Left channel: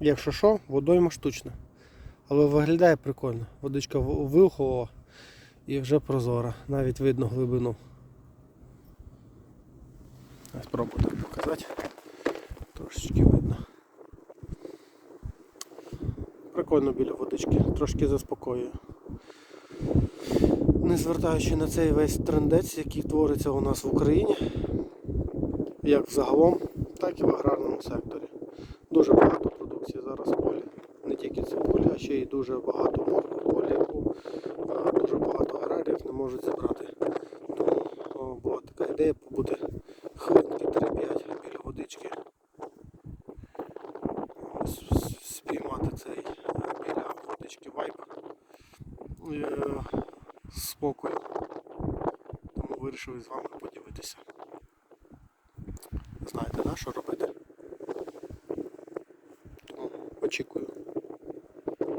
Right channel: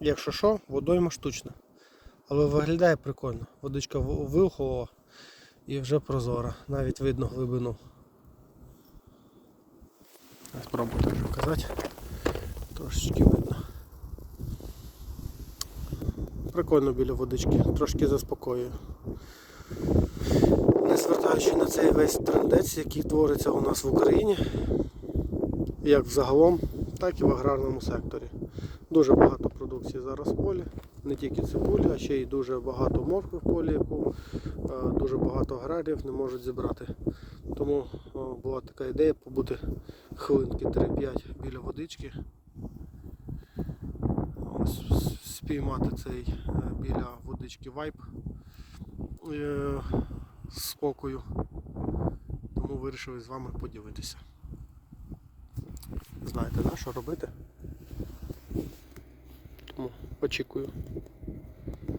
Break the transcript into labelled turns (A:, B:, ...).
A: Якщо що, водойма штучна. Але виглядає прикольно. Водичка в- і вже прозора. Навіть видно глибину. Спробую так показати. Трошечки видно. Прикольно біля водички, трошки заспокоює. Не звертаючи на цей весь трендець, який твориться у нас в Україні, як взагалом, так і в аграрному секторі. Дуже багато продукції зараз в полі, не тільки цибулі, а ще й дуже багато моркви в полі, яку дуже багато аграріїв не можуть зібрати. Тому була така ідея побути хвилинки 3-5 біля водички. Спіймати цей е, біля водички вайп е, спокою. Тому вирішив з вами поділитися. Знаєте, да, що робити? Очікую.